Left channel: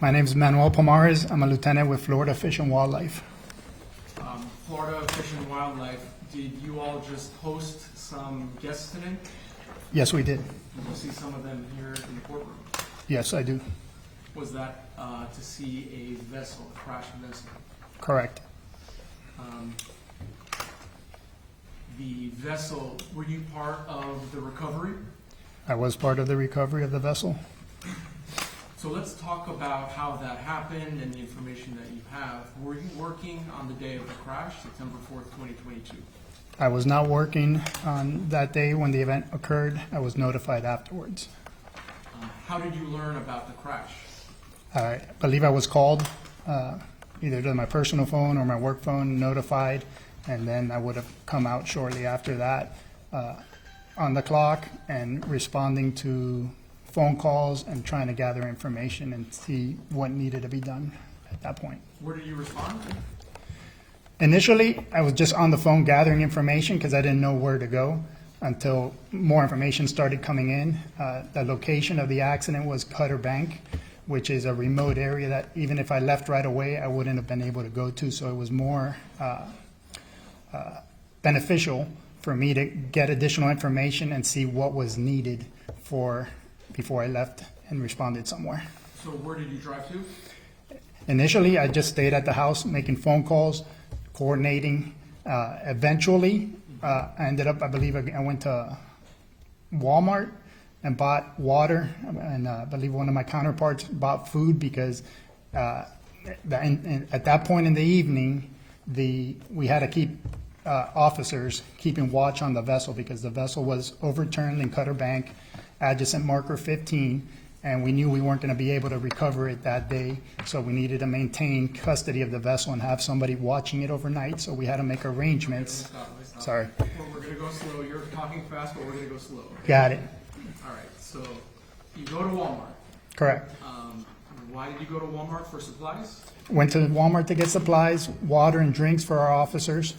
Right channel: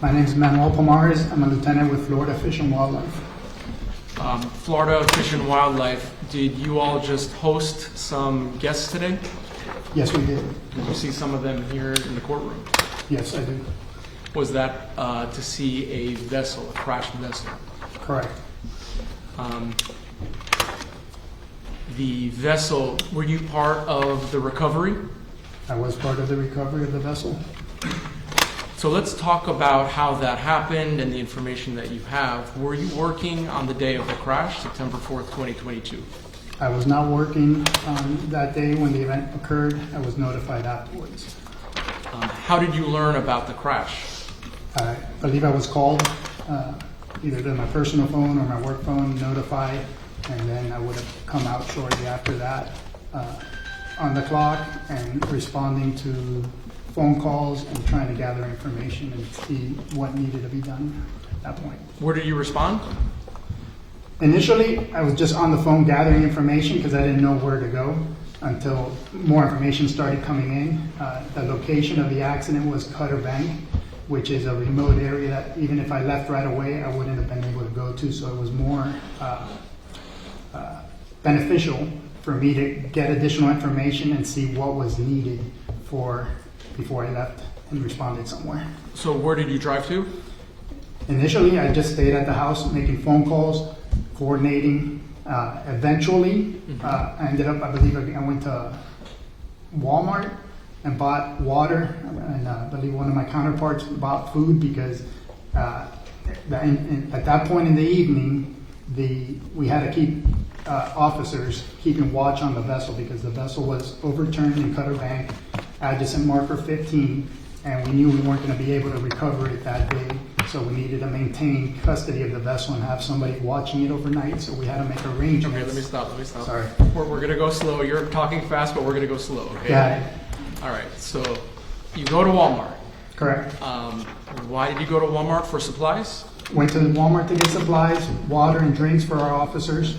My name is Manuel Pomares. I'm a lieutenant with Florida Fish and Wildlife. Florida Fish and Wildlife, did you all just host some guests today? Yes, we did. Did you see some of them here in the courtroom? Yes, I do. Was that to see a vessel, a crashed vessel? Correct. The vessel, were you part of the recovery? I was part of the recovery of the vessel. So let's talk about how that happened and the information that you have. Were you working on the day of the crash, September 4th, 2022? I was not working that day when the event occurred. I was notified afterwards. How did you learn about the crash? I believe I was called either to my personal phone or my work phone, notified, and then I would have come out shortly after that on the clock and responding to phone calls and trying to gather information and see what needed to be done at that point. Where did you respond? Initially, I was just on the phone gathering information because I didn't know where to go until more information started coming in. The location of the accident was Cutter Bank, which is a remote area that even if I left right away, I wouldn't have been able to go to. So it was more beneficial for me to get additional information and see what was needed before I left and responded somewhere. So where did you drive to? Initially, I just stayed at the house making phone calls, coordinating. Eventually, I ended up, I believe I went to Walmart and bought water, and I believe one of my counterparts bought food because at that point in the evening, we had to keep officers keeping watch on the vessel because the vessel was overturned in Cutter Bank, adjacent marker 15, and we knew we weren't going to be able to recover it that day, so we needed to maintain custody of the vessel and have somebody watching it overnight, so we had to make arrangements. Okay, let me stop. Sorry. We're going to go slow. You're talking fast, but we're going to go slow, okay? Got it. All right, so you go to Walmart. Correct. Why did you go to Walmart for supplies? Went to Walmart to get supplies, water and drinks for our officers.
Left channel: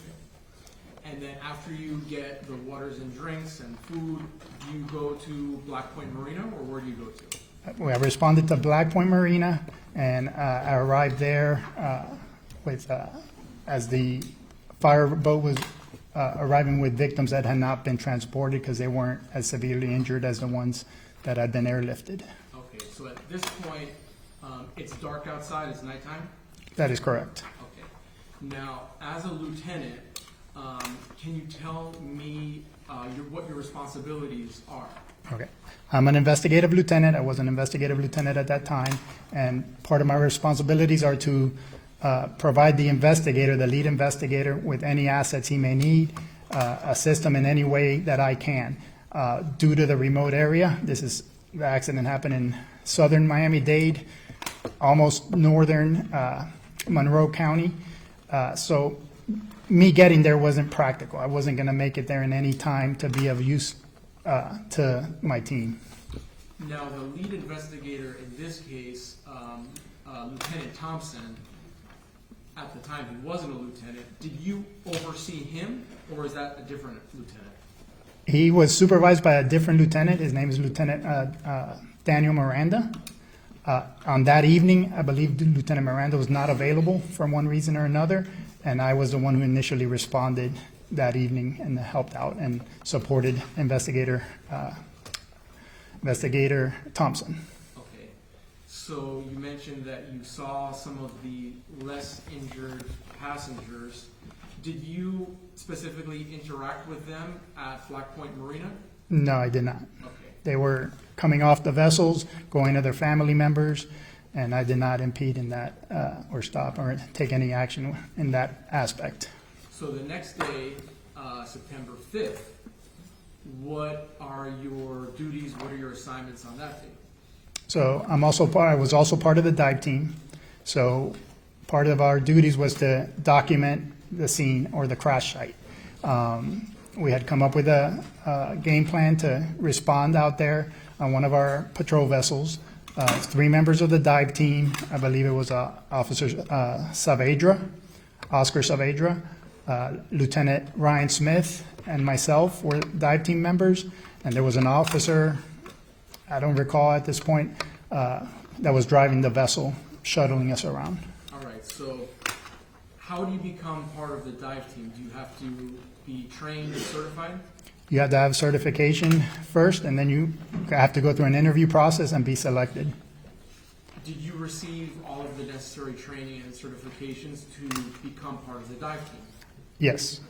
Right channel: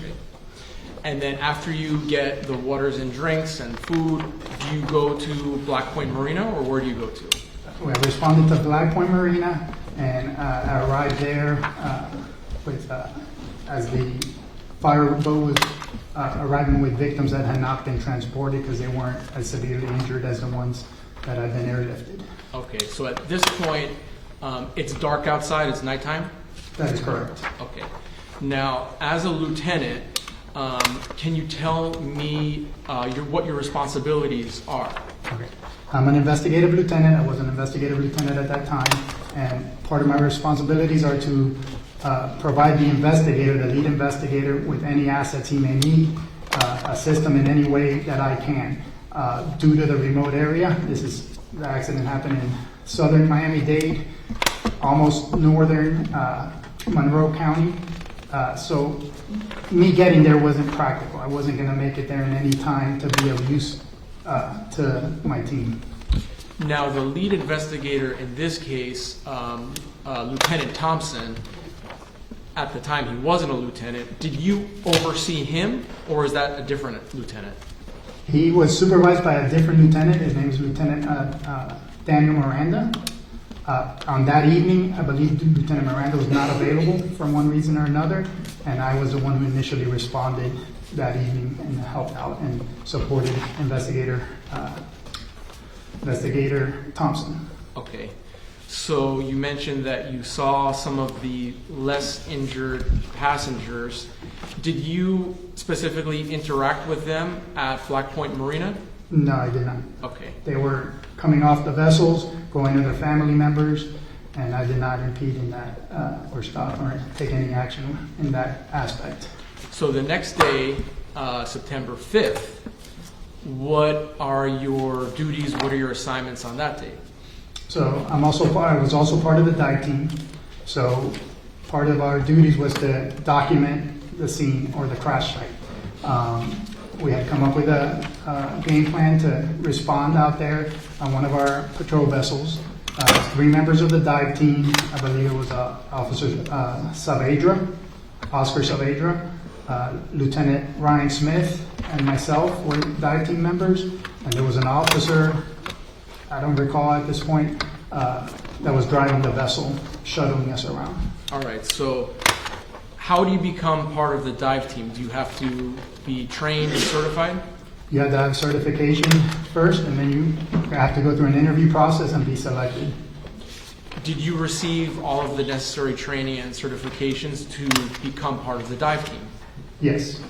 And then after you get the waters and drinks and food, do you go to Black Point Marina, or where do you go to? I responded to Black Point Marina, and I arrived there as the fire boat was arriving with victims that had not been transported because they weren't as severely injured as the ones that had been airlifted. Okay, so at this point, it's dark outside, it's nighttime? That is correct. Okay. Now, as a lieutenant, can you tell me what your responsibilities are? Okay. I'm an investigative lieutenant. I was an investigative lieutenant at that time, and part of my responsibilities are to provide the investigator, the lead investigator, with any assets he may need, assist him in any way that I can. Due to the remote area, the accident happened in southern Miami-Dade, almost northern Monroe County. So me getting there wasn't practical. I wasn't going to make it there in any time to be of use to my team. Now, the lead investigator in this case, Lieutenant Thompson, at the time he wasn't a lieutenant, did you oversee him, or is that a different lieutenant? He was supervised by a different lieutenant. His name is Lieutenant Daniel Miranda. On that evening, I believe Lieutenant Miranda was not available for one reason or another, and I was the one who initially responded that evening and helped out and supported Investigator Thompson. Okay, so you mentioned that you saw some of the less injured passengers. Did you specifically interact with them at Black Point Marina? No, I did not. Okay. They were coming off the vessels, going to their family members, and I did not impede in that or stop or take any action in that aspect. So the next day, September 5th, what are your duties? What are your assignments on that day? So I was also part of the dive team. So part of our duties was to document the scene or the crash site. We had come up with a game plan to respond out there on one of our patrol vessels. 3 members of the dive team, I believe it was Officer Oscar Saavedra, Lieutenant Ryan Smith, and myself were dive team members. And there was an officer, I don't recall at this point that was driving the vessel, shuttling us around. All right, so how do you become part of the dive team? Do you have to be trained and certified? You have to have certification first, and then you have to go through an interview process and be selected. Did you receive all of the necessary training and certifications to become part of the dive team? Yes.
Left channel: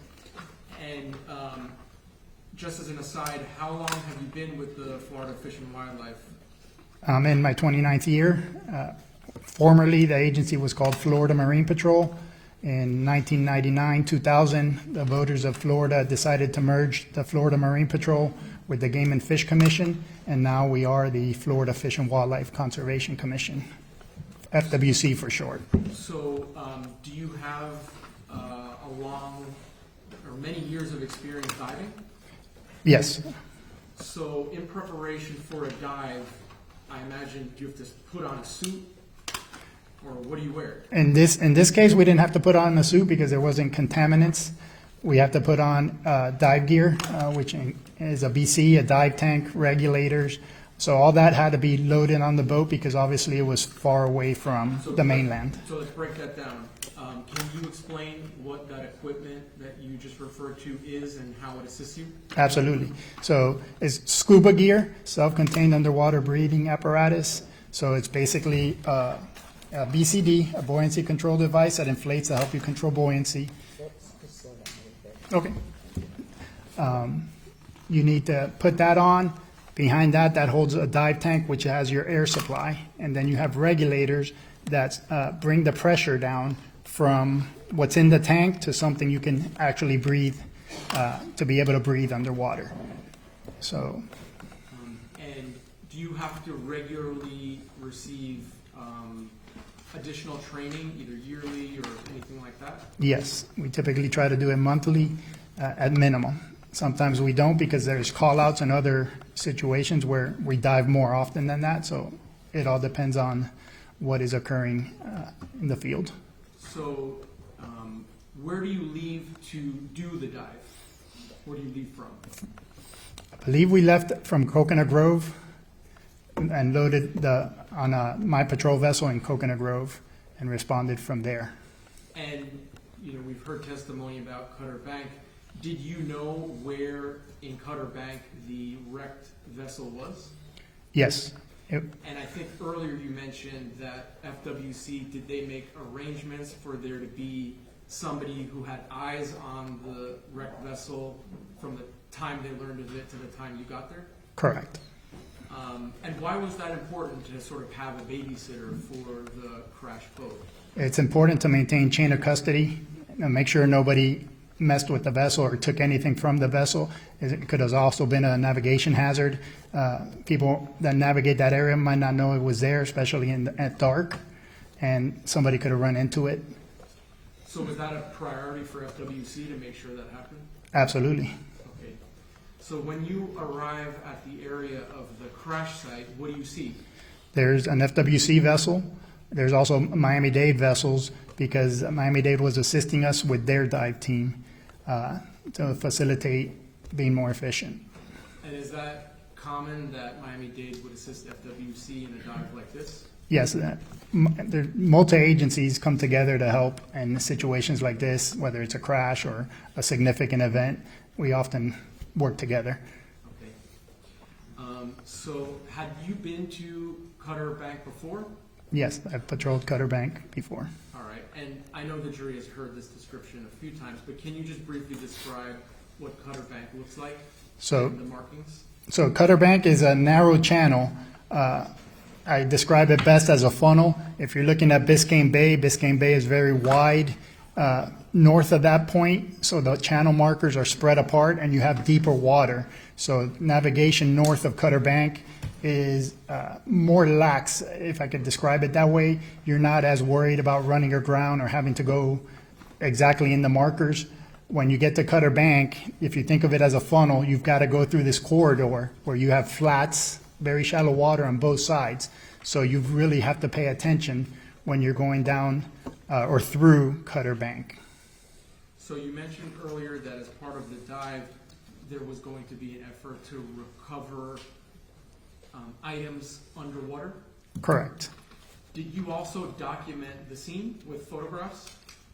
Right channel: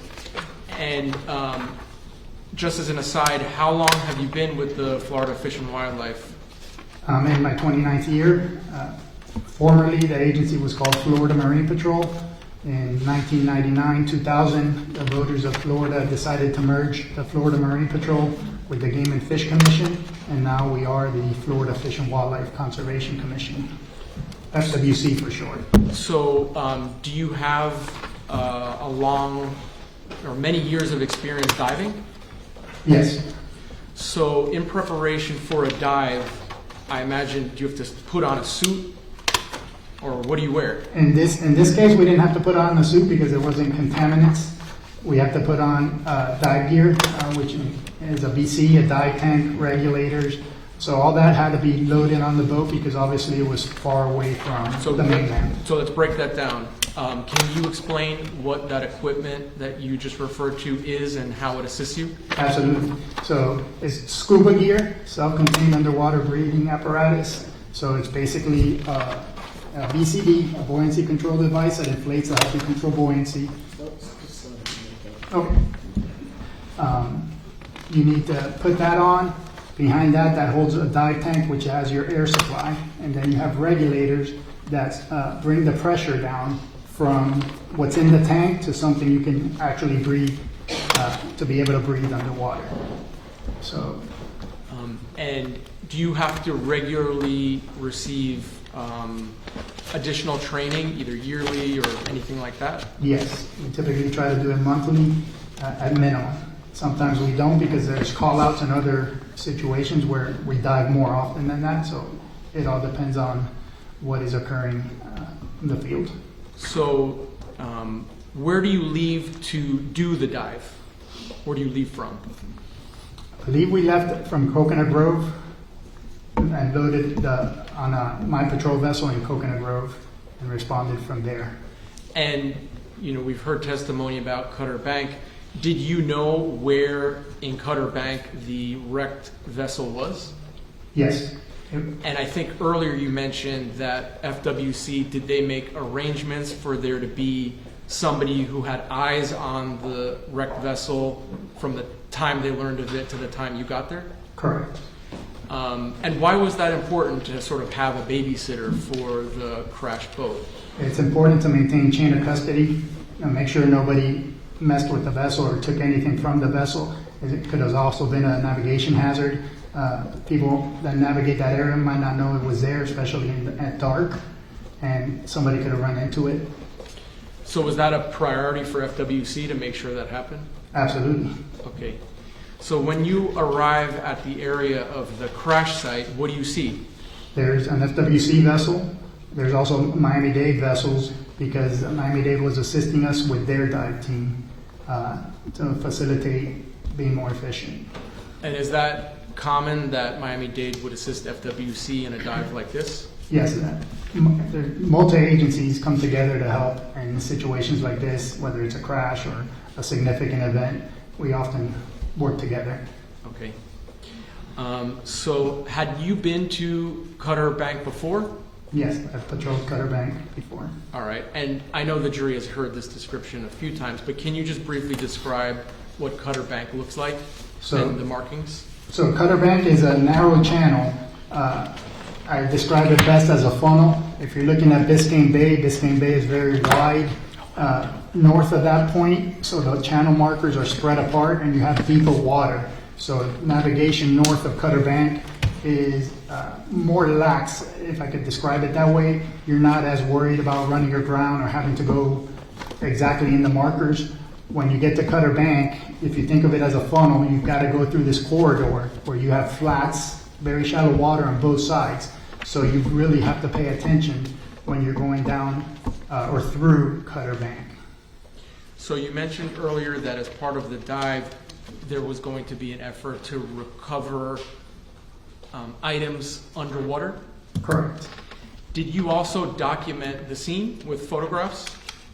And just as an aside, how long have you been with the Florida Fish and Wildlife? I'm in my 29th year. Formerly, the agency was called Florida Marine Patrol. In 1999, 2000, the voters of Florida decided to merge the Florida Marine Patrol with the Game and Fish Commission, and now we are the Florida Fish and Wildlife Conservation Commission, FWC for short. So do you have a long or many years of experience diving? Yes. So in preparation for a dive, I imagine, do you have to put on a suit? Or what do you wear? In this case, we didn't have to put on a suit because there wasn't contaminants. We have to put on dive gear, which is a BC, a dive tank, regulators. So all that had to be loaded on the boat because obviously it was far away from the mainland. So let's break that down. Can you explain what that equipment that you just referred to is and how it assists you? Absolutely. So it's scuba gear, self-contained underwater breathing apparatus. So it's basically a BCD, a buoyancy control device that inflates to help you control buoyancy. Okay. You need to put that on. Behind that, that holds a dive tank, which has your air supply. And then you have regulators that bring the pressure down from what's in the tank to something you can actually breathe, to be able to breathe underwater. So. And do you have to regularly receive additional training, either yearly or anything like that? Yes, we typically try to do it monthly at minimum. Sometimes we don't because there's call-outs and other situations where we dive more often than that, so it all depends on what is occurring in the field. So where do you leave to do the dive? Where do you leave from? I believe we left from Coconut Grove and loaded on my patrol vessel in Coconut Grove and responded from there. And, you know, we've heard testimony about Cutter Bank. Did you know where in Cutter Bank the wrecked vessel was? Yes. And I think earlier you mentioned that FWC, did they make arrangements for there to be somebody who had eyes on the wrecked vessel from the time they learned of it to the time you got there? Correct. And why was that important to sort of have a babysitter for the crashed boat? It's important to maintain chain of custody and make sure nobody messed with the vessel or took anything from the vessel. It could have also been a navigation hazard. People that navigate that area might not know it was there, especially at dark, and somebody could have run into it. So was that a priority for FWC to make sure that happened? Absolutely. Okay. So when you arrive at the area of the crash site, what do you see? There's an FWC vessel. There's also Miami-Dade vessels because Miami-Dade was assisting us with their dive team to facilitate being more efficient. And is that common that Miami-Dade would assist FWC in a dive like this? Yes, multi-agencies come together to help in situations like this, whether it's a crash or a significant event. We often work together. Okay. So had you been to Cutter Bank before? Yes, I've patrolled Cutter Bank before. All right. And I know the jury has heard this description a few times, but can you just briefly describe what Cutter Bank looks like and the markings? So Cutter Bank is a narrow channel. I describe it best as a funnel. If you're looking at Biscayne Bay is very wide north of that point, so the channel markers are spread apart and you have deeper water. So navigation north of Cutter Bank is more lax, if I could describe it that way. You're not as worried about running aground or having to go exactly in the markers. When you get to Cutter Bank, if you think of it as a funnel, you've got to go through this corridor where you have flats, very shallow water on both sides. So you really have to pay attention when you're going down or through Cutter Bank. So you mentioned earlier that as part of the dive, there was going to be an effort to recover items underwater. Correct. Did you also document the scene with photographs?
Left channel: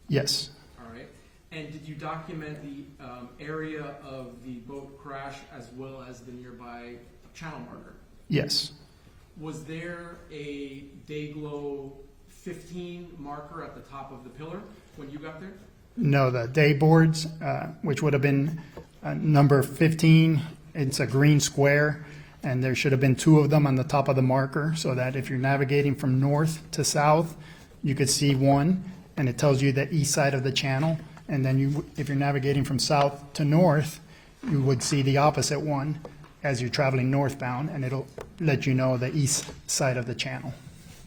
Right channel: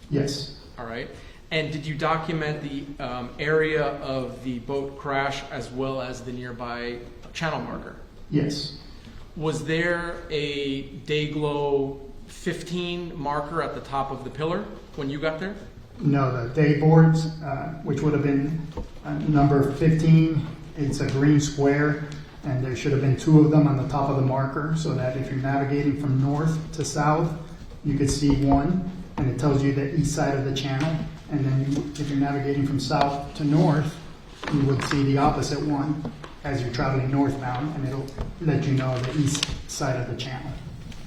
Yes. All right. And did you document the area of the boat crash as well as the nearby channel marker? Yes. Was there a Dayglow 15 marker at the top of the pillar when you got there? No, the day boards, which would have been number 15, it's a green square, and there should have been 2 of them on the top of the marker, so that if you're navigating from north to south, you could see one, and it tells you the east side of the channel. And then if you're navigating from south to north, you would see the opposite one as you're traveling northbound, and it'll let you know the east side of the channel.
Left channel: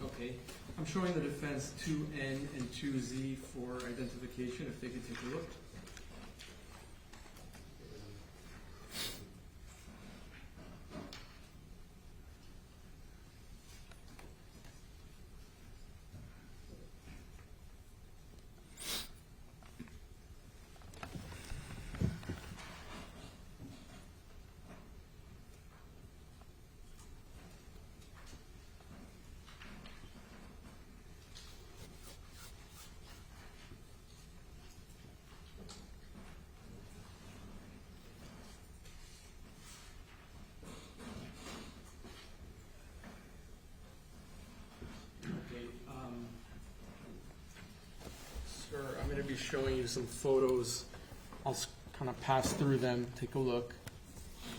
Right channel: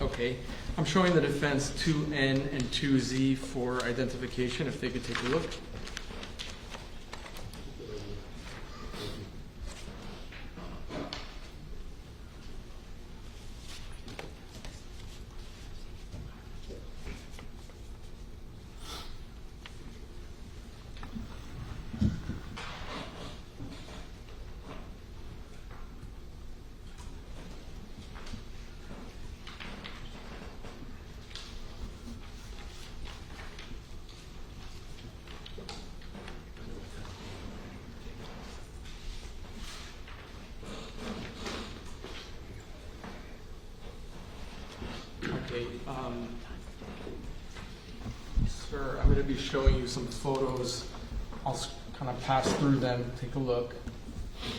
Okay. I'm showing the defense 2N and 2Z for identification, if they could take a look. Okay, sir, I'm going to be showing you some photos. I'll kind of pass through them, take a look,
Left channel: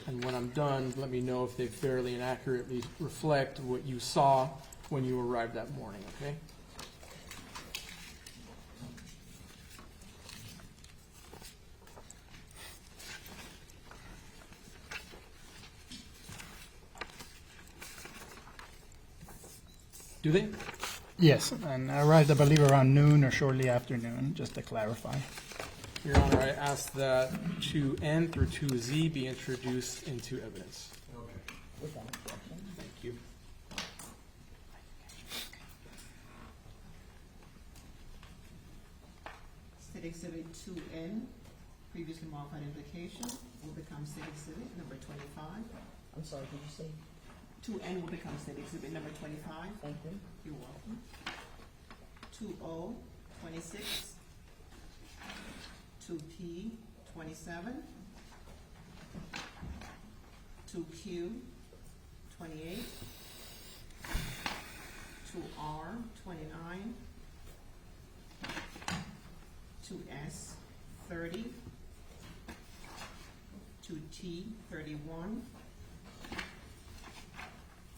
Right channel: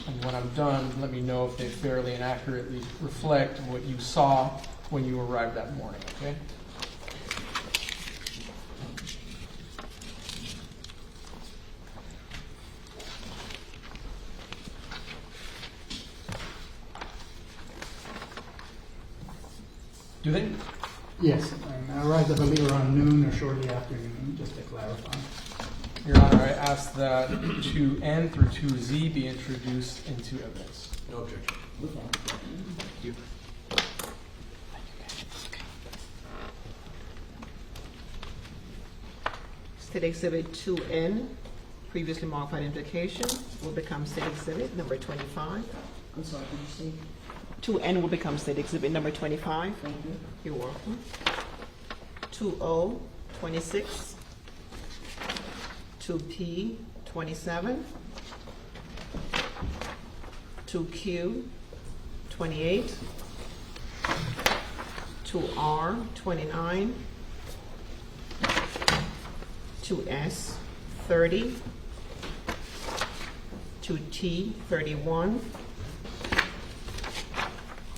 and when I'm done, let me know if they fairly and accurately reflect what you saw when you arrived that morning, okay? Do they? Yes, and I arrived, I believe, around noon or shortly after noon, just to clarify. Your Honor, I ask that 2N through 2Z be introduced into evidence. No objection. Thank you. State Exhibit 2N, previously marked for identification, will become State Exhibit number 25. I'm sorry, can you see? 2N will become State Exhibit number 25. Thank you. You're welcome. 2O, 26. 2P, 27. 2Q, 28. 2R, 29. 2S, 30. 2T, 31.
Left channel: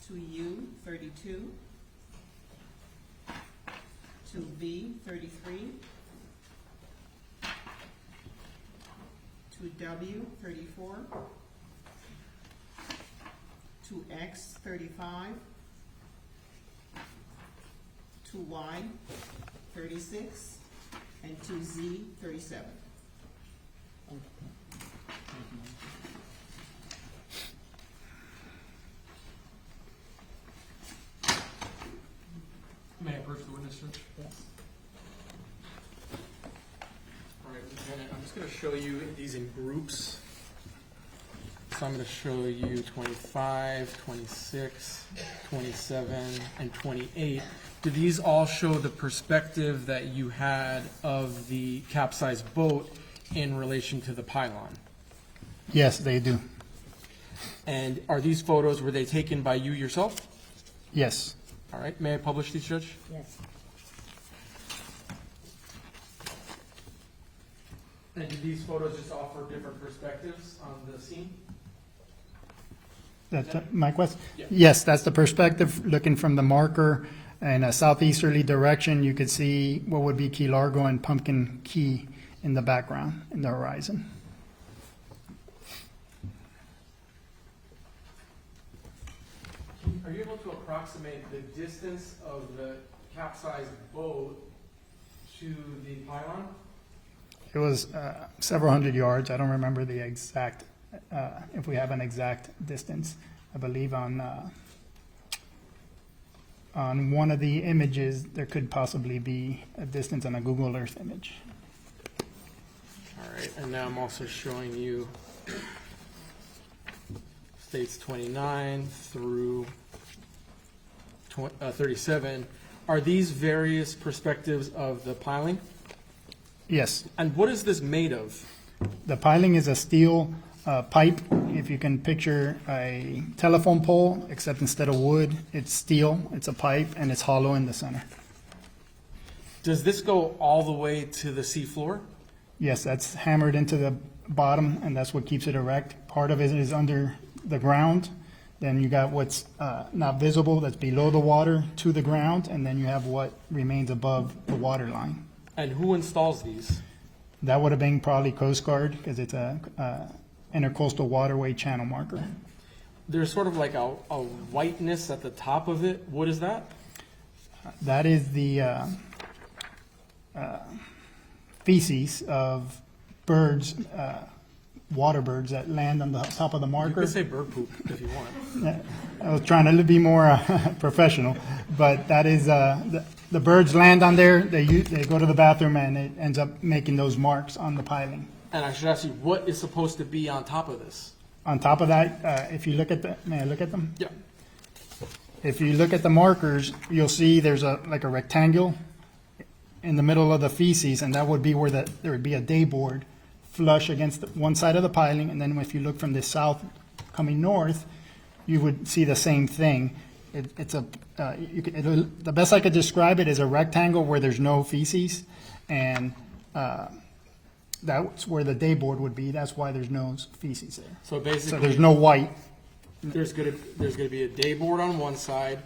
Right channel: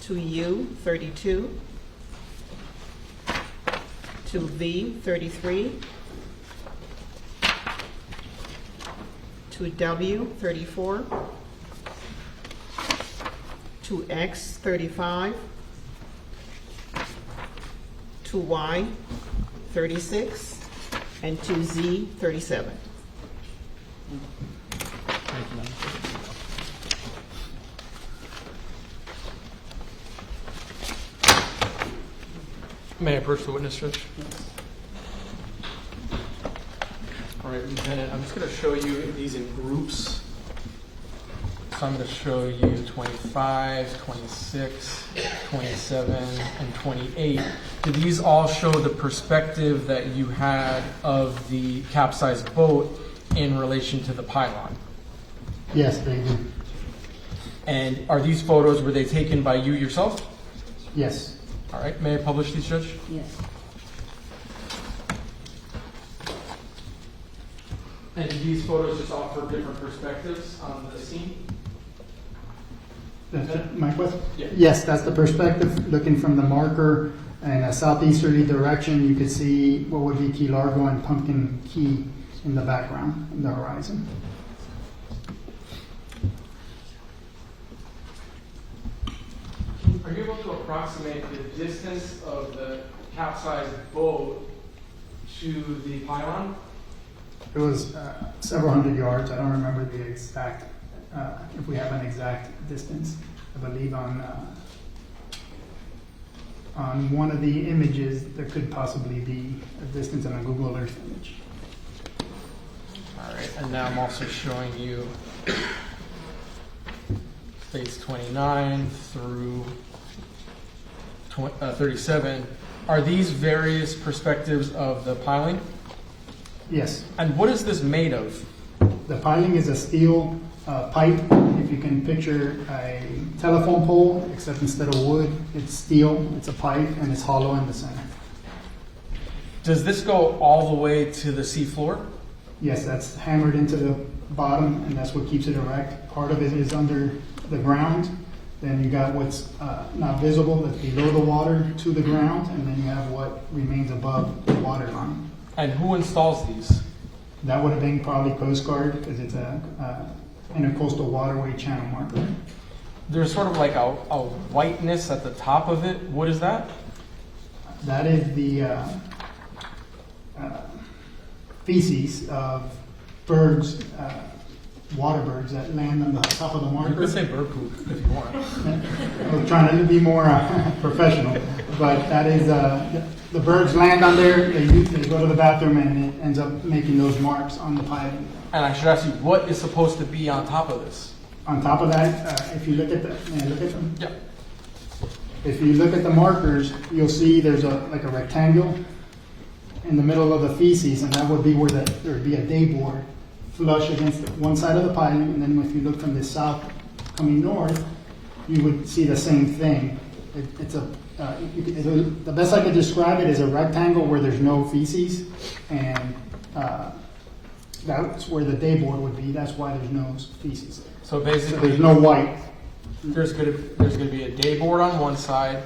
2U, 32. 2V, 33. 2W, 34. 2X, 35. 2Y, 36. And 2Z, 37. Thank you, Madam Clerk. May I approach the witness, Judge? All right, Lieutenant, I'm just going to show you these in groups. So I'm going to show you 25, 26, 27, and 28. Do these all show the perspective that you had of the capsized boat in relation to the pylon? Yes, they do. And are these photos, were they taken by you yourself? Yes. All right, may I publish these, Judge? Yes. And do these photos just offer different perspectives on the scene? That's my question? Yeah. Yes, that's the perspective, looking from the marker in a southeasterly direction. You could see what would be Key Largo and Pumpkin Key in the background, in the horizon. Are you able to approximate the distance of the capsized boat to the pylon? It was several hundred yards. I don't remember the exact, if we have an exact distance. I believe on one of the images, there could possibly be a distance on a Google Earth image. All right, and now I'm also showing you states 29 through 37, are these various perspectives of the piling? Yes, And what is this made of? the piling is a steel pipe. If you can picture a telephone pole, except instead of wood, it's steel. It's a pipe and it's hollow in the center. Does this go all the way to the seafloor? Yes, that's hammered into the bottom, and that's what keeps it erect. Part of it is under the ground. Then you got what's not visible, that's below the water to the ground, and then you have what remains above the water line. And who installs these? That would have been probably Coast Guard, because it's a intercoastal waterway channel marker. There's sort of like a whiteness at the top of it. What is that? That is the feces of birds, water birds that land on the top of the You marker. could say bird poop if you want. I was trying to be more professional, but that is, the birds land on there, they go to the bathroom, and it ends up making those marks on the piling. And I should ask you, what is supposed to be on top of this? On top of that, if you look at may I look at them? Yeah. If you look at the markers, you'll see there's like a rectangle in the middle of the feces, and that would be where there would be a day board flush against one side of the piling, and then if you look from the south coming north, you would see the same thing. The best I could describe it is a rectangle where there's no feces, and that's where the day board would be. That's why there's no feces there. So So basically, there's no white. there's gonna be a day board on one side,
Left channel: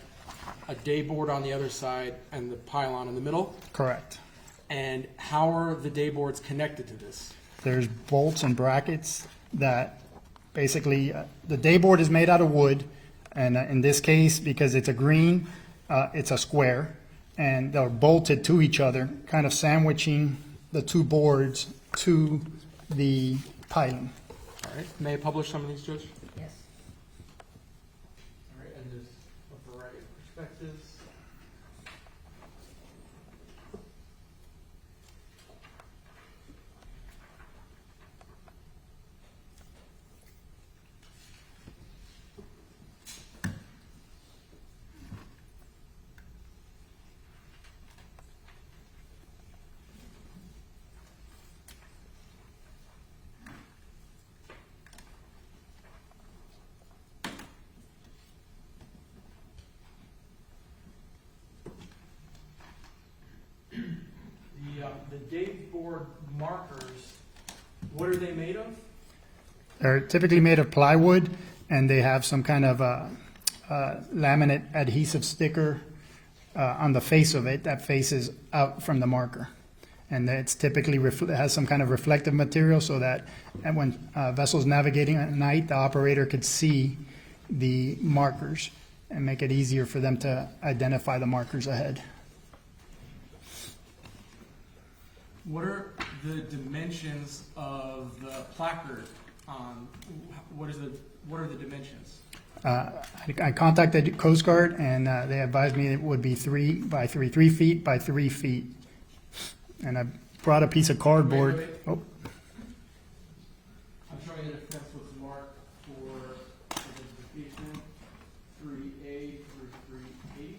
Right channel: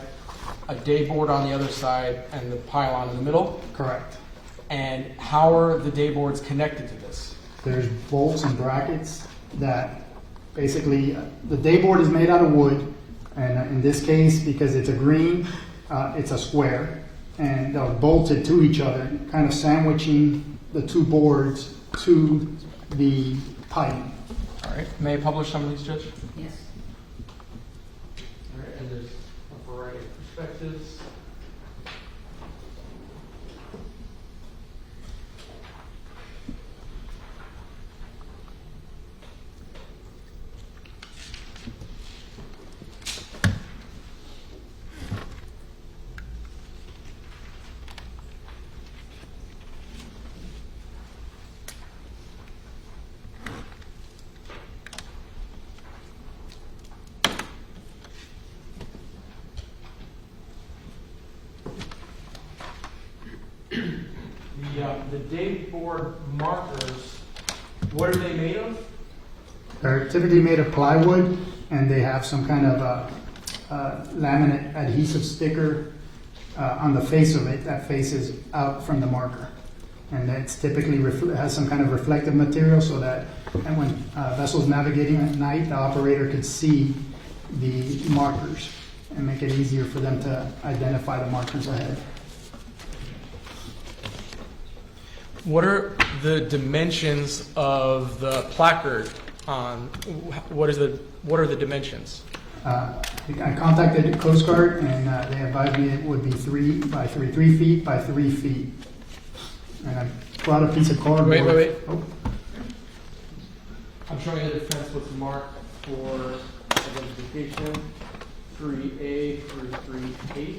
a day board on the other side, and the pylon in the middle. Correct. And how are the day boards connected to this? There's bolts and brackets that basically, the day board is made out of wood, and in this case, because it's a green, it's a square, and they're bolted to each other, kind of sandwiching the two boards to the piling. All right, may I publish some of these, Judge? Yes. All right, and there's a variety of perspectives. The day board markers, what are they made of? They're typically made of plywood, and they have some kind of laminate adhesive sticker on the face of it that faces out from the marker. And it's typically has some kind of reflective material so that and when vessels navigating at night, the operator could see the markers and make it easier for them to identify the markers ahead. What are the dimensions of the placard on, what are the dimensions? I contacted Coast Guard, and they advised me it would be 3 feet by 3 feet. And I brought a piece of cardboard. Wait. Oh, I'm showing you the fence was marked for identification, 3A through 3H.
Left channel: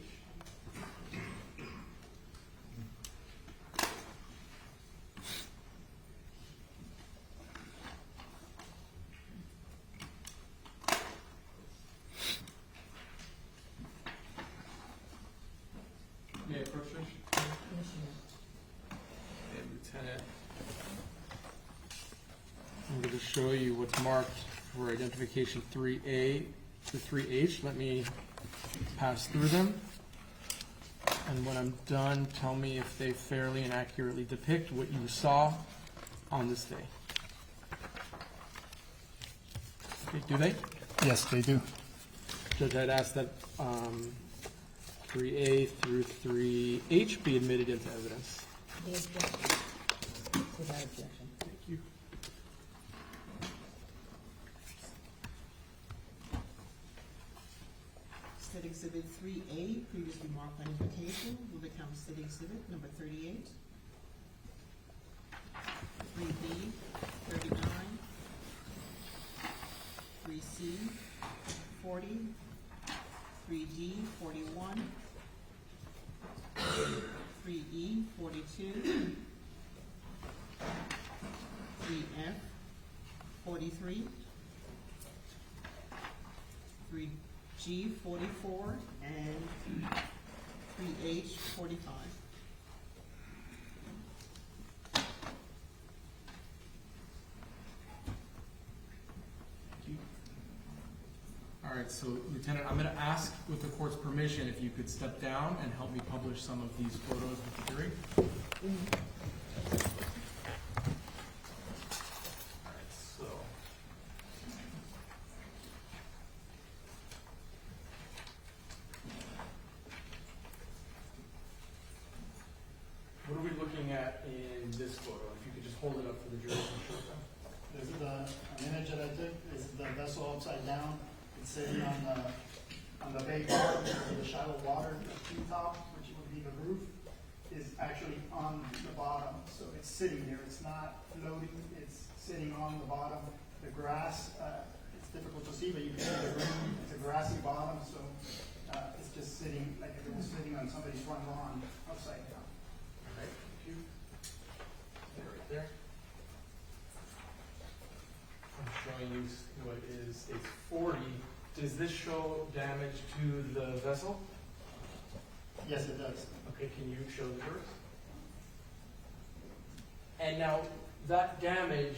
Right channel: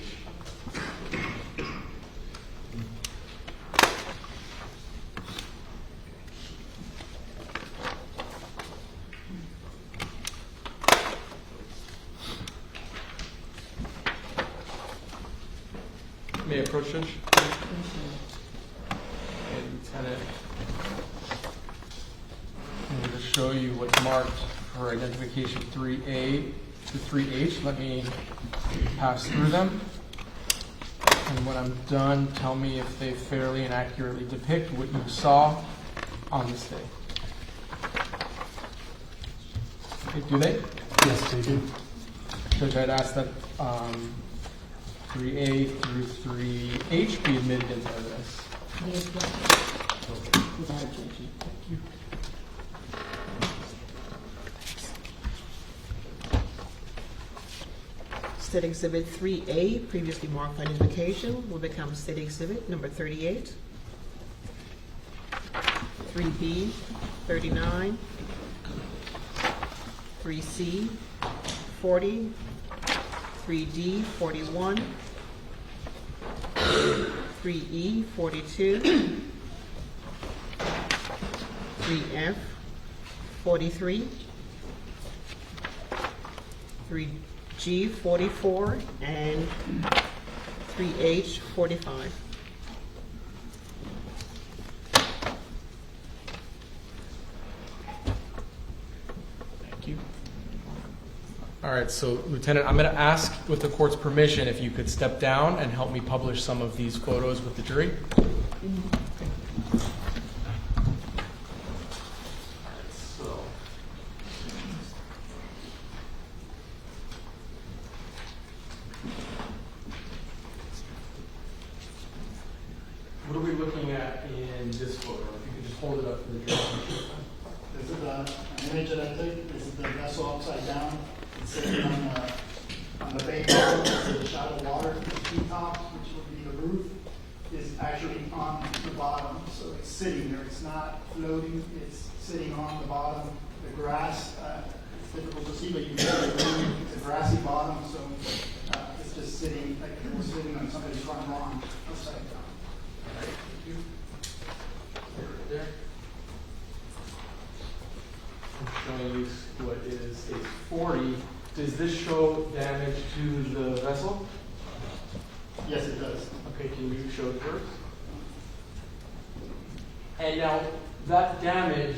May I approach, Judge? And Lieutenant, I'm going to show you what's marked for identification 3A to 3H. Let me pass through them. And when I'm done, tell me if they fairly and accurately depict what you saw on this day. Okay, do they? yes, they do. Judge, I'd ask that 3A through 3H be admitted into evidence. Without objection. State Exhibit 3A, previously marked for identification, will become State Exhibit number 38. 3B, 39. 3C, 40. 3D 41, 3E 42, 3F 43, 3G 44, and 3H 45. Thank you. All right, so Lieutenant, I'm going to ask, with the court's permission, if you could step down and help me publish some of these photos with the jury. All right, so. What are we looking at in this photo? If you could just hold it up for the jury. This is an image that I took. This is the vessel upside down. It's sitting on the bay level. There's a shot of water. The treetop, which would be the roof, is actually on the bottom. So it's sitting there. It's not floating. It's sitting on the bottom. The grass, it's difficult to see, but you can see the room. It's a grassy bottom, so it's just sitting like it was sitting on somebody's front lawn upside down. All right, thank you. Right there. I'm showing you what is stage 40. Does this show damage to the vessel? Yes, it does. Okay, can you show yours? And now, that damage,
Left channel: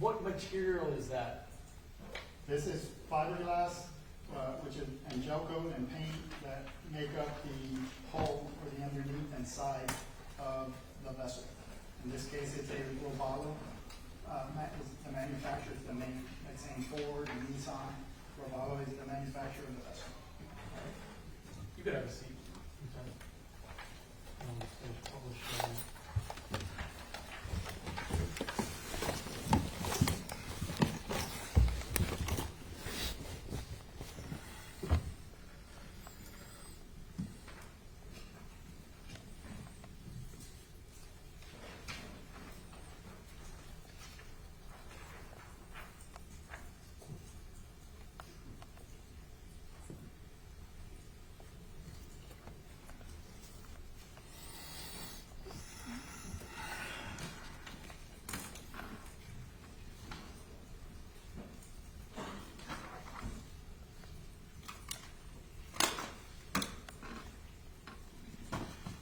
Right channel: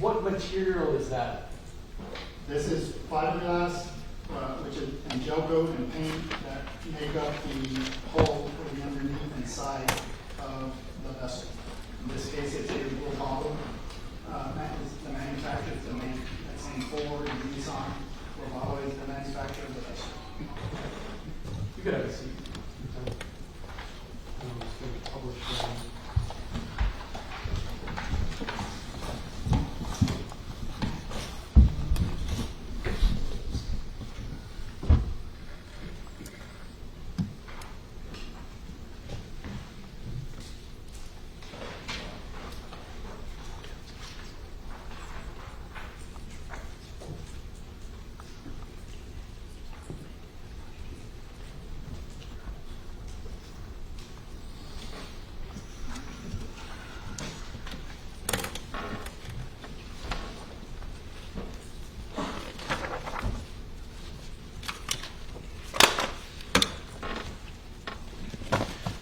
what material is that? This is fiberglass, which is and gel coat and paint that make up the hull or the underneath and side of the vessel. In this case, it's a blue bottle. The manufacturer is the main, that's saying Ford and Nissan. Romano is the manufacturer of the vessel. You could have a seat. I'm just going to publish them.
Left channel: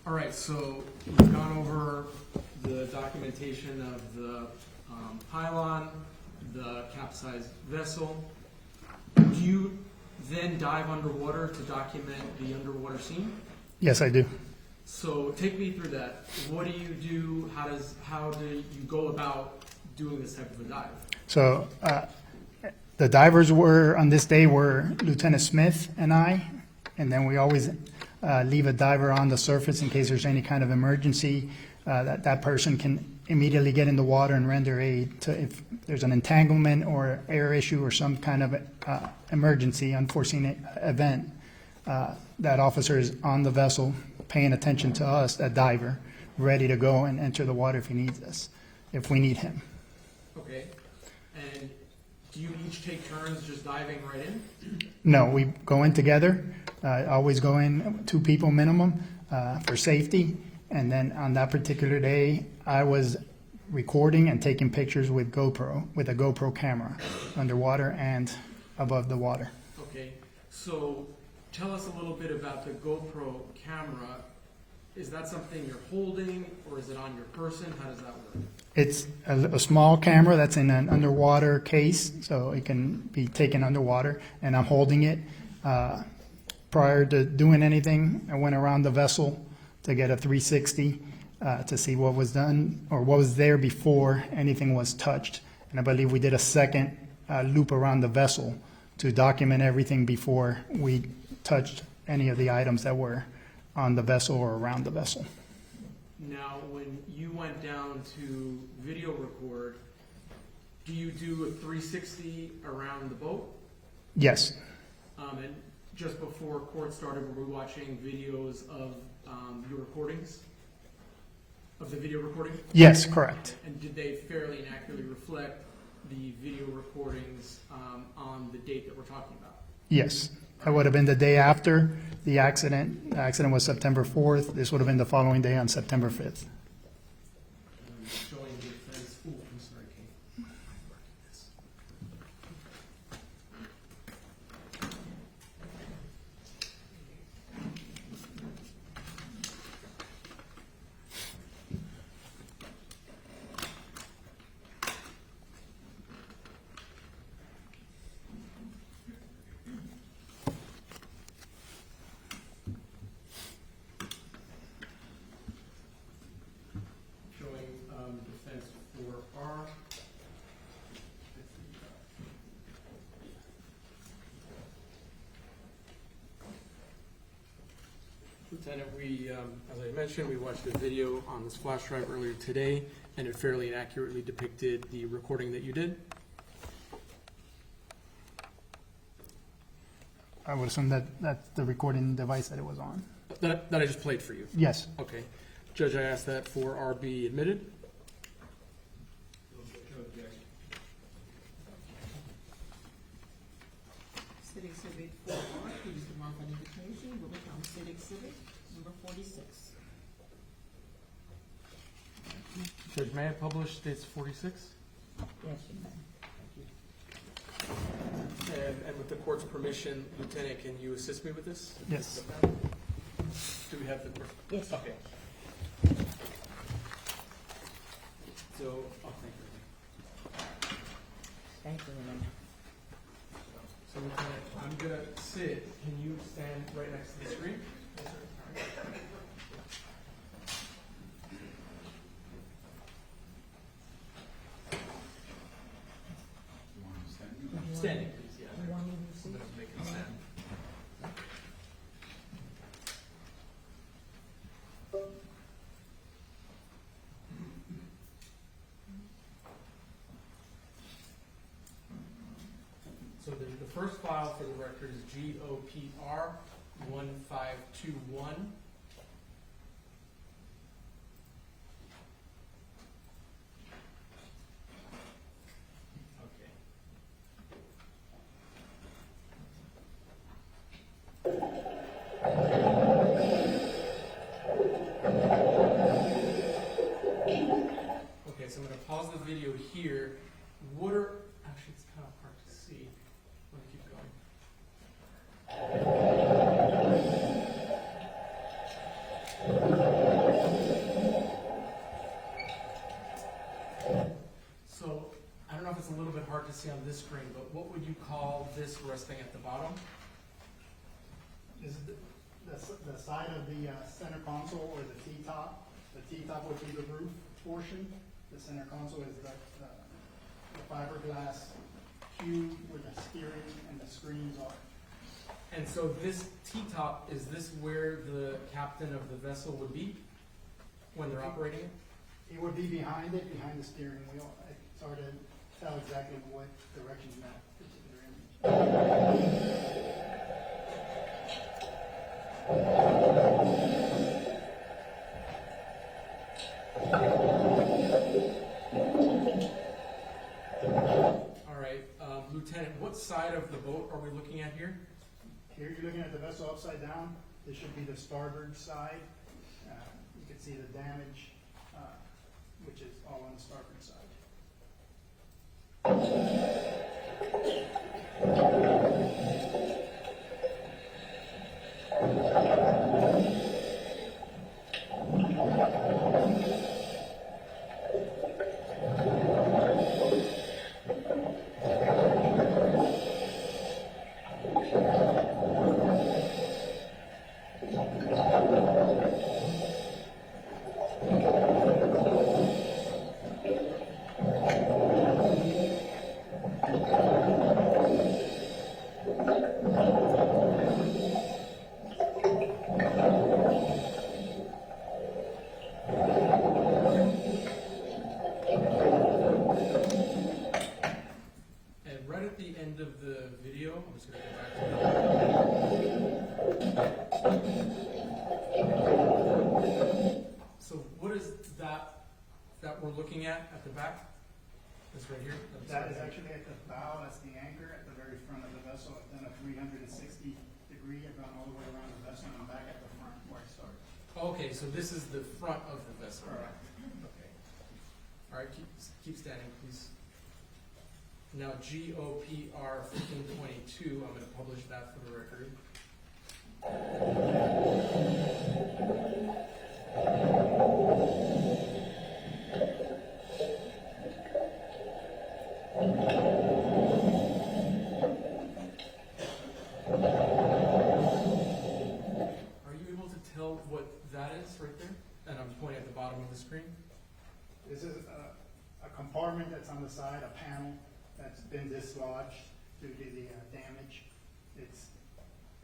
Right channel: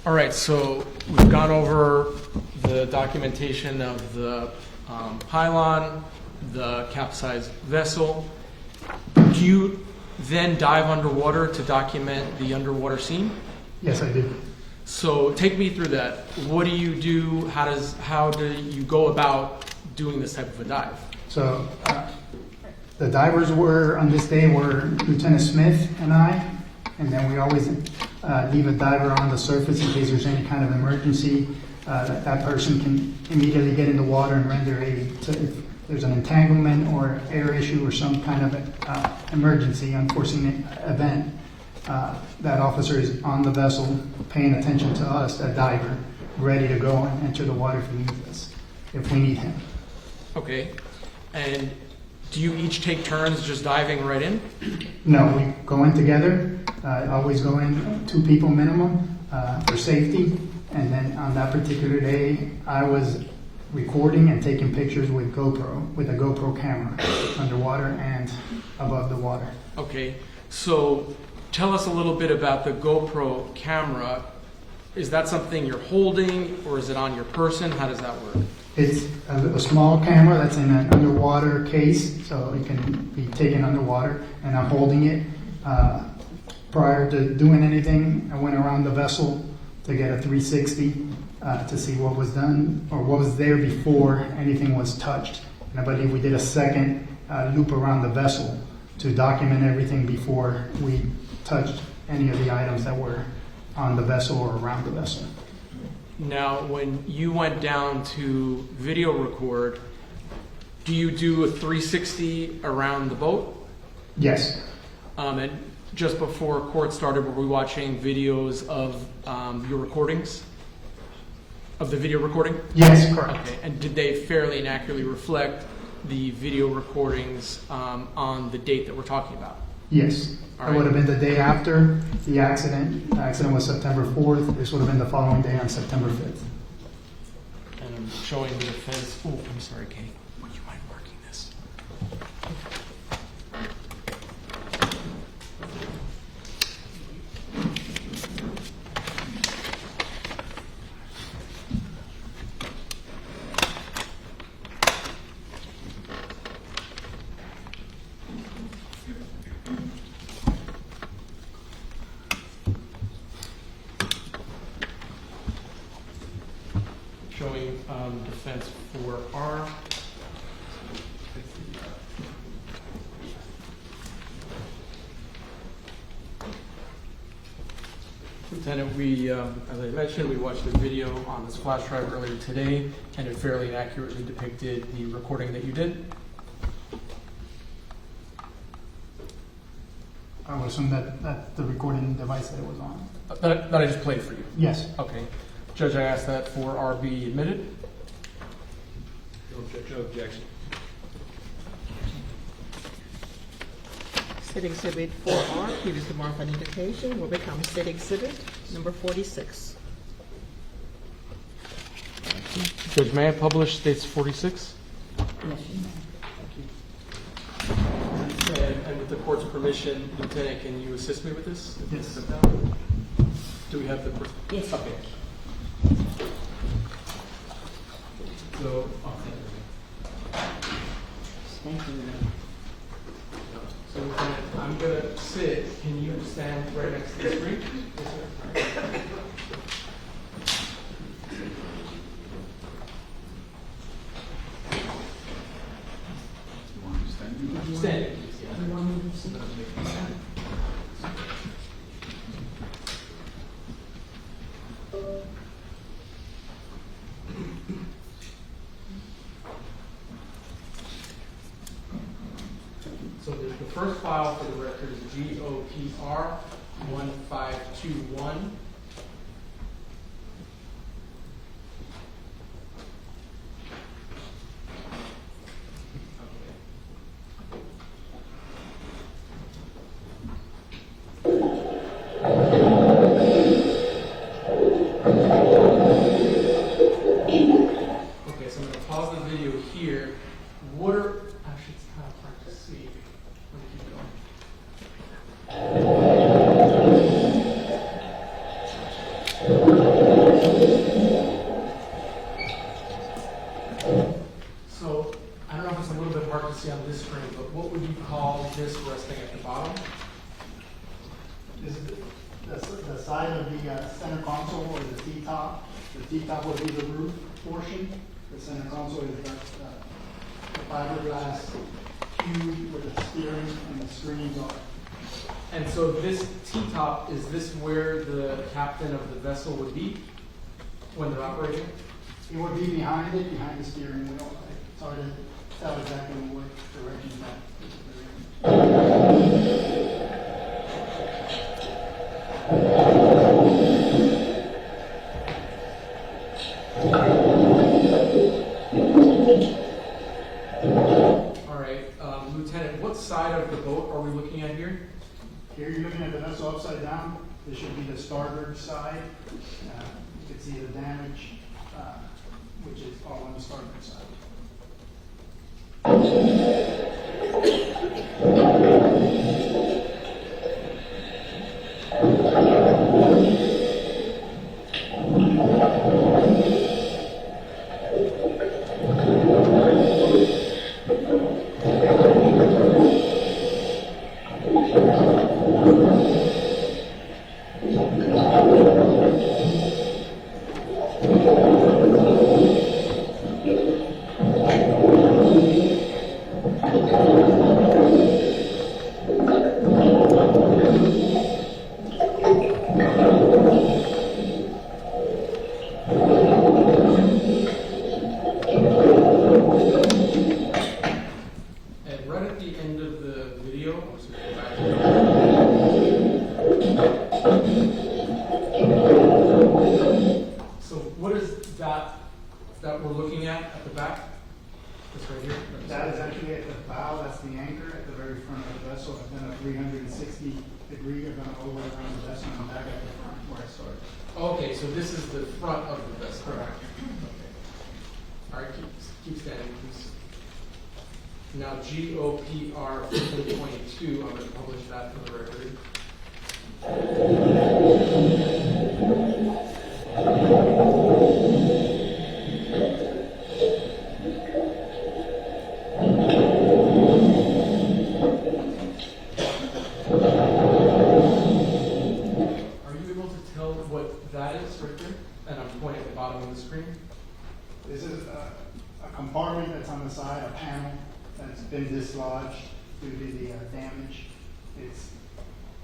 All right, so we've gone over the documentation of the pylon, the capsized vessel. Do you then dive underwater to document the underwater scene? Yes, I do. So take me through that. What do you do? How do you go about doing this type of a dive? So the divers on this day were Lieutenant Smith and I, and then we always leave a diver on the surface in case there's any kind of emergency. That person can immediately get in the water and render aid if there's an entanglement or air issue or some kind of emergency, unforeseen event. That officer is on the vessel paying attention to us, that diver, ready to go and enter the water if he needs us, if we need him. Okay. And do you each take turns just diving right in? No, we go in together. Always go in 2 people minimum for safety. And then on that particular day, I was recording and taking pictures with a GoPro camera, underwater and above the water. Okay. So tell us a little bit about the GoPro camera. Is that something you're holding, or is it on your person? How does that work? It's a small camera that's in an underwater case, so it can be taken underwater, and I'm holding it. Prior to doing anything, I went around the vessel to get a 360 to see what was done or what was there before anything was touched. And I believe we did a second loop around the vessel to document everything before we touched any of the items that were on the vessel or around the vessel. Now, when you went down to video record, do you do a 360 around the boat? Yes. And just before court started, were we watching videos of your recordings? Of the video recording? Yes, correct. Okay. And did they fairly and accurately reflect the video recordings on the date that we're talking about? Yes, All it right. would have been the day after the accident. The accident was September 4th. This would have been the following day on September 5th. And I'm showing the defense, oh, I'm sorry, Kay, would you mind marking this? Showing defense 4R. Lieutenant, we, as I mentioned, we watched a video on this flash drive earlier today, and it fairly accurately depicted the recording that you did. I would assume that that's the recording device that it was on. That I just played for you. Yes. Okay. Judge, I asked that 4R be admitted. No objection. State Exhibit 4R, previously marked by identification, will become State Exhibit number 46. Judge, may I publish states 46? Yes, you may. And with the court's permission, Lieutenant, can you assist me with this? Yes. Do we have the? Yes. Okay. So, oh, thank you. Thank you. So Lieutenant, I'm gonna sit. Can you stand right next to the screen? Yes, sir. Stand. You want me to see? So the first file for the record is GOPR 1521. Okay, so I'm gonna pause the video here. What are, actually it's kind of hard to see. Let me keep it on. So, I don't know if it's a little bit hard to see on this screen, but what would you call this resting at the bottom? This is the side of the center console or the T-top. The T-top would be the roof portion. The center console is the fiberglass cube where the steering and the screens are. And so this T-top, is this where the captain of the vessel would be when they're operating? It would be behind it, behind the steering wheel. It's hard to tell exactly what direction that is. All right, Lieutenant, what side of the boat are we looking at here? Here you're looking at the vessel upside down. This should be the starboard side. You can see the damage, which is all on the starboard side. And right at the end of the video, I'm just gonna go back to so what is that we're looking at the back? This right here? That is actually at the bow, that's the anchor at the very front of the vessel, and then a 360-degree, are gonna all the way around the vessel and back at the front where I started. Okay, so this is the front of the vessel. Correct. Okay. All right, keep standing, please. Now, GOPR 1522, I'm gonna publish that for the record. Are you able to tell what that is right there? And I'm pointing at the bottom of the screen. This is a compartment that's on the side, a panel that's been dislodged due to the damage. It's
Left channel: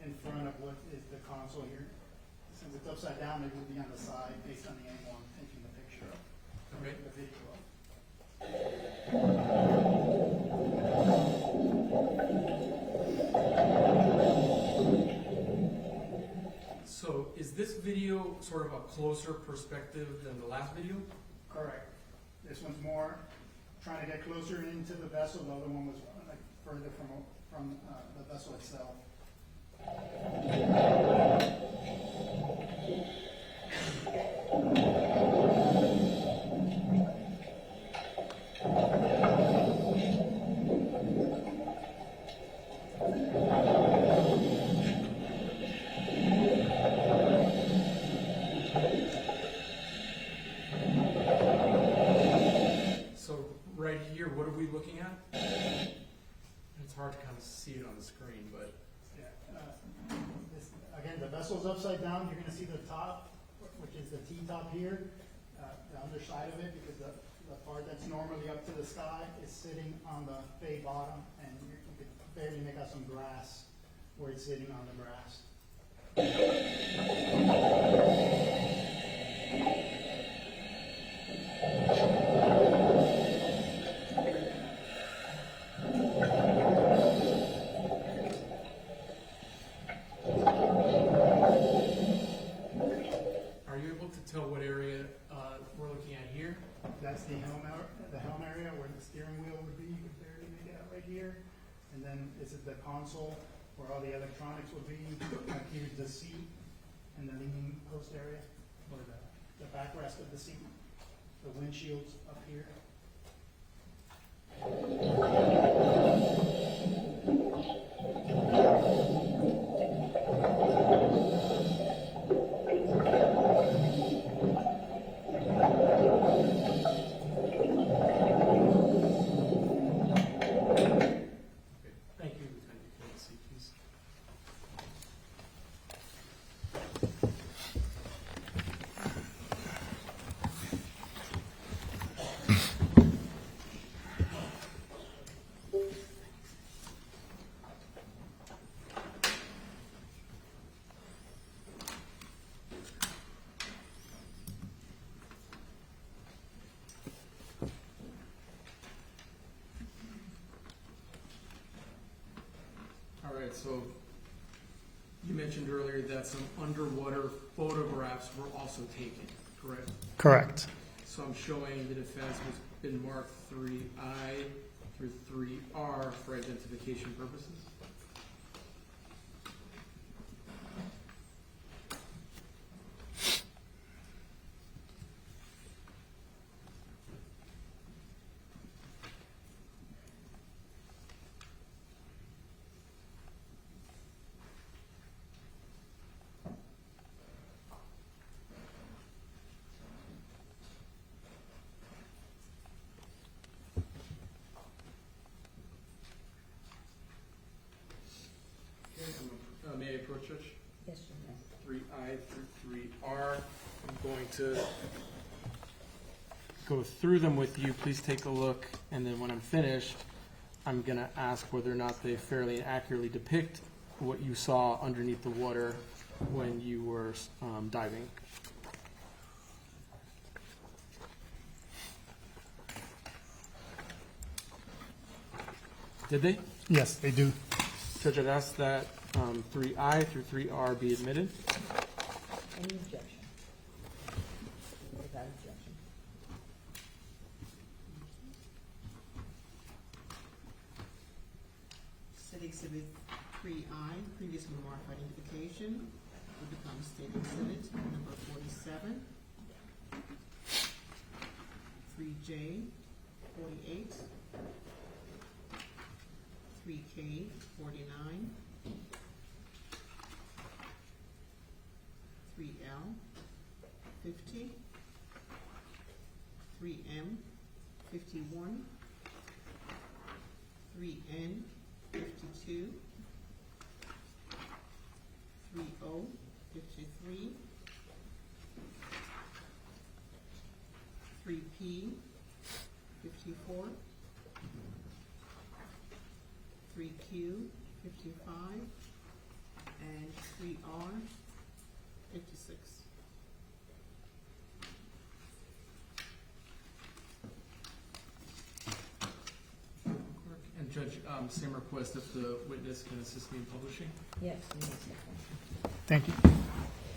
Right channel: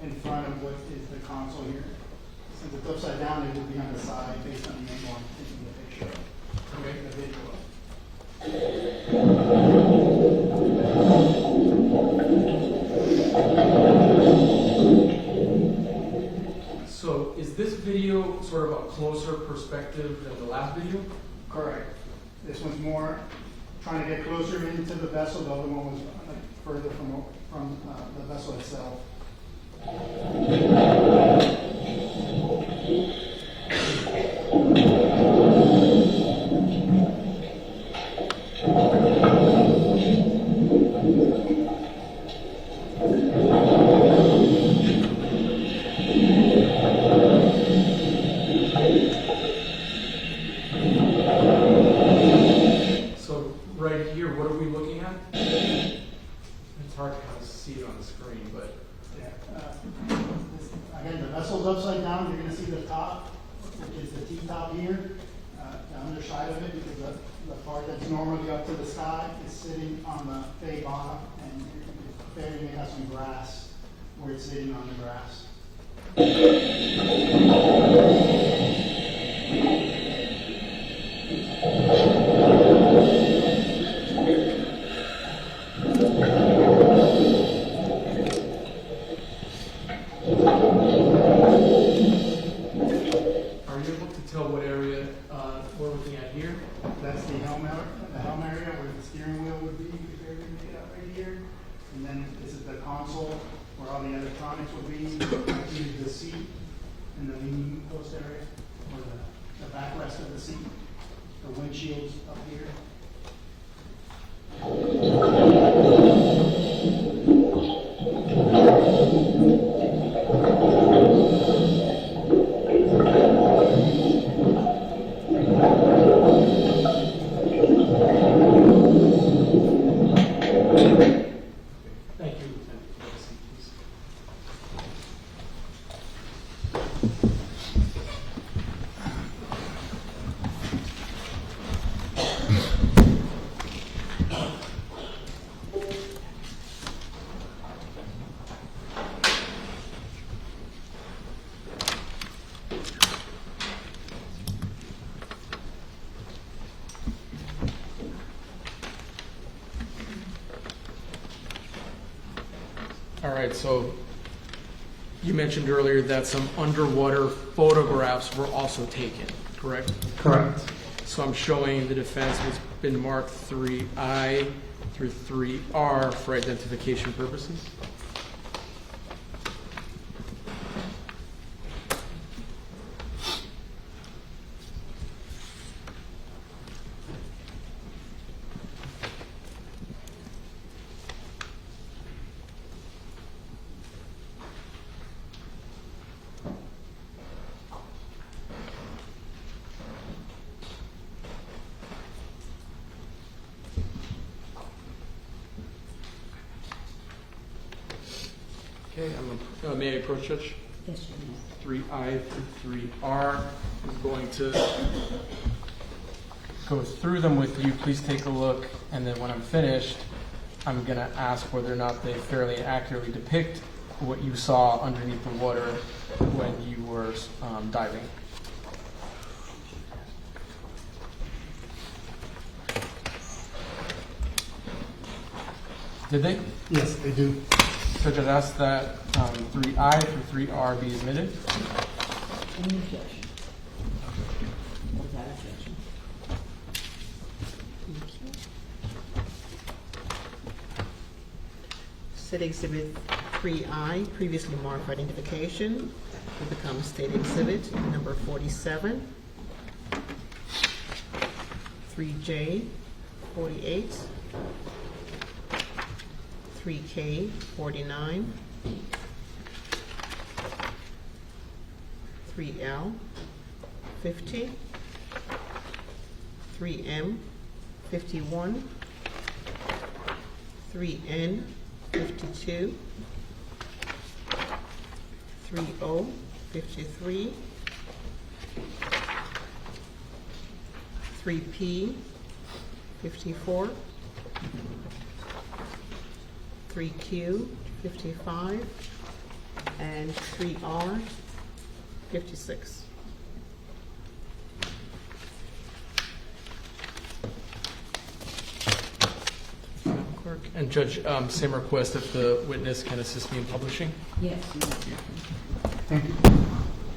in front of what is the console here. Since it's upside down, it would be on the side based on the angle I'm taking the picture of. Okay. The visual. So is this video sort of a closer perspective than the last video? Correct. This one's more trying to get closer into the vessel. The other one was like further from the vessel itself. So right here, what are we looking at? It's hard to kind of see it on the screen, but Yeah. Again, the vessel's upside down. You're going to see the top, which is the T-top here, the underside of it, because the part that's normally up to the sky is sitting on the bay bottom, and you're barely have some grass where it's sitting on the grass. are you able to tell what area we're looking at here? That's the helm area where the steering wheel would be, if you're going to make it up right here. And then this is the console where all the electronics would be. Here's the seat and the leaning post area, or the backrest of the seat. The windshield's up here. Thank you, Lieutenant. Have a seat, please. All right, so you mentioned earlier that some underwater photographs were also taken, correct? Correct. So I'm showing the defense has been marked 3I through 3R for identification purposes. Okay, may I approach, Judge? Yes, you 3I through 3R. I'm going to go through them with you. Please take a look, and then when I'm finished, I'm going to ask whether or not they fairly accurately depict what you saw underneath the water when you were diving. Did they? Yes, they do. Judge, I'd ask that 3I through 3R be admitted. Can you judge? Without objection. State Exhibit 3I, previously marked for identification, will become State Exhibit number 47. 3J, 48. 3K, 49. 3L, 50. 3M, 51. 3N, 52. 3O, 53. 3P, 54. 3Q, 55. And 3R, 56. Clerk. And Judge, same request if the witness can assist me in publishing. Yes. Thank you.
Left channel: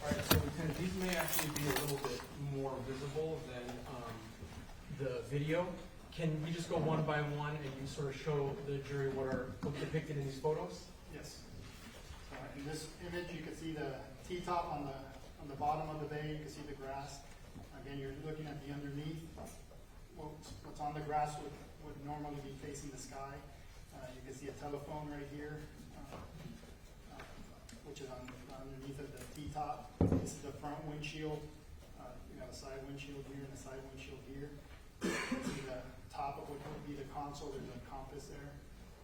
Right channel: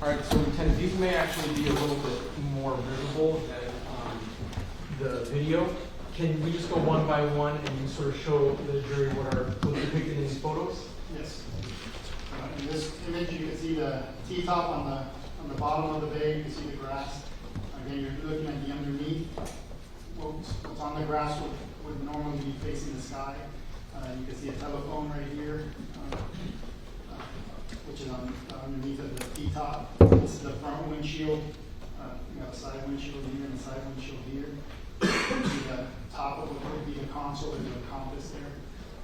All right, so Lieutenant, these may actually be a little bit more visible than the video. Can we just go one by one and you sort of show the jury what's depicted in these photos? Yes. In this image, you can see the T-top on the bottom of the bay. You can see the grass. Again, you're looking at the underneath. What's on the grass would normally be facing the sky. You can see a telephone right here, which is underneath of the T-top. This is the front windshield. We got a side windshield here and a side windshield here. You see the top of what would be the console and the compass there.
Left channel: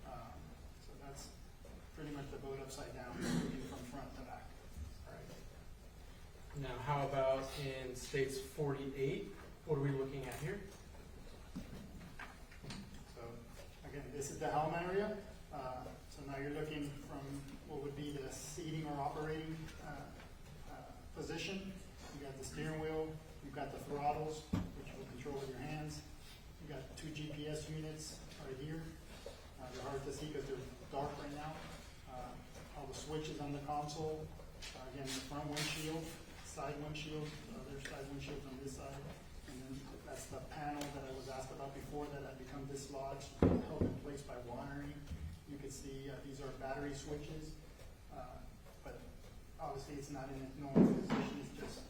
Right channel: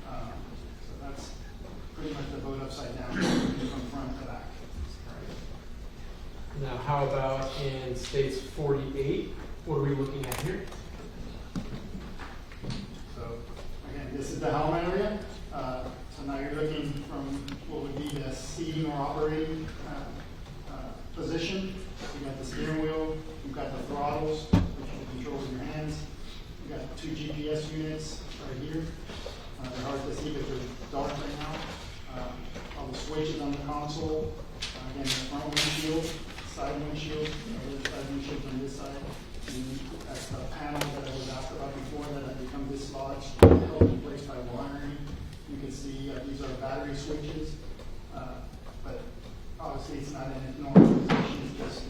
So that's pretty much the boat upside down from front to back. Now, how about in states 48? What are we looking at here? So again, this is the helm area. So now you're looking from what would be the seating or operating position. You got the steering wheel, you've got the throttles, which will control with your hands. You got 2 GPS units right here. They're hard to see because they're dark right now. All the switches on the console. Again, the front windshield, side windshield, the side windshield on this side. And that's the panel that I was asked about before that had become dislodged, held in place by wiring. You can see these are battery switches, but obviously it's not in a normal position, it's just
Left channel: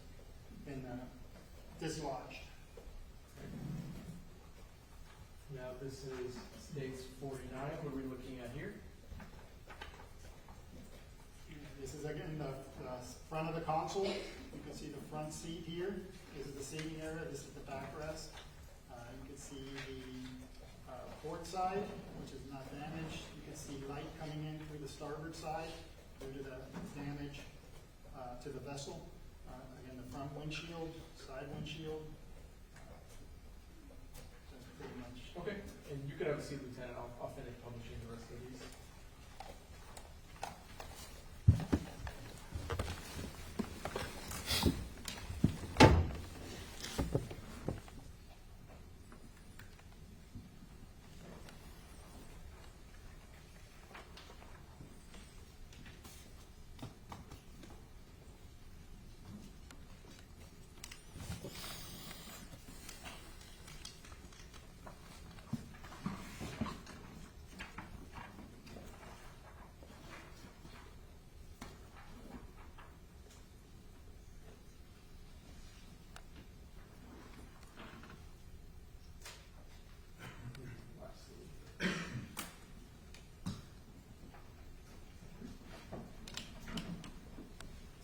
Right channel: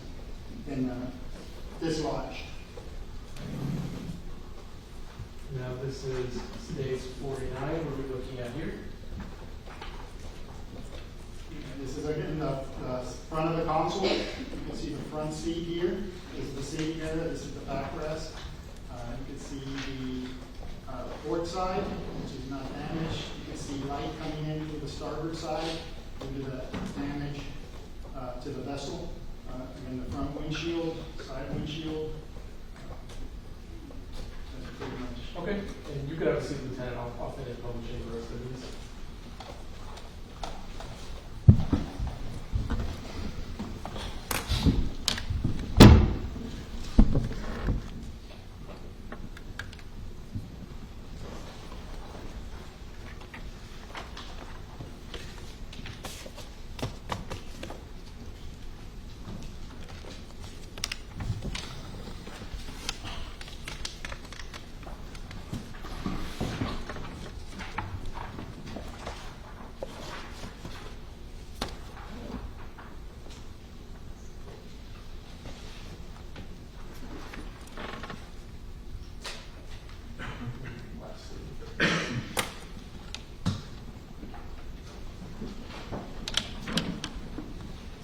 been dislodged. Now, this is states 49. What are we looking at here? This is again the front of the console. You can see the front seat here. This is the seating area. This is the backrest. You can see the port side, which is not damaged. You can see light coming in through the starboard side due to the damage to the vessel. Again, the front windshield, side windshield. That's pretty much. Okay, and you could have a seat, Lieutenant. I'll finish publishing the rest of these.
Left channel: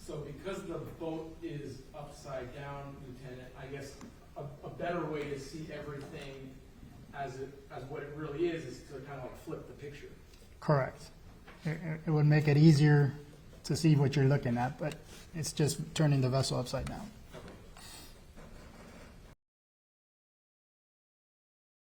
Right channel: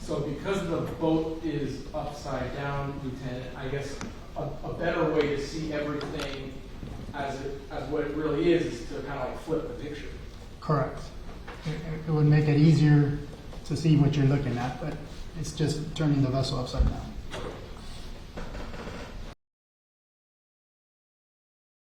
So because the boat is upside down, Lieutenant, I guess a better way to see everything as what it really is to kind of like flip the picture. Correct. It would make it easier to see what you're looking at, but it's just turning the vessel upside down.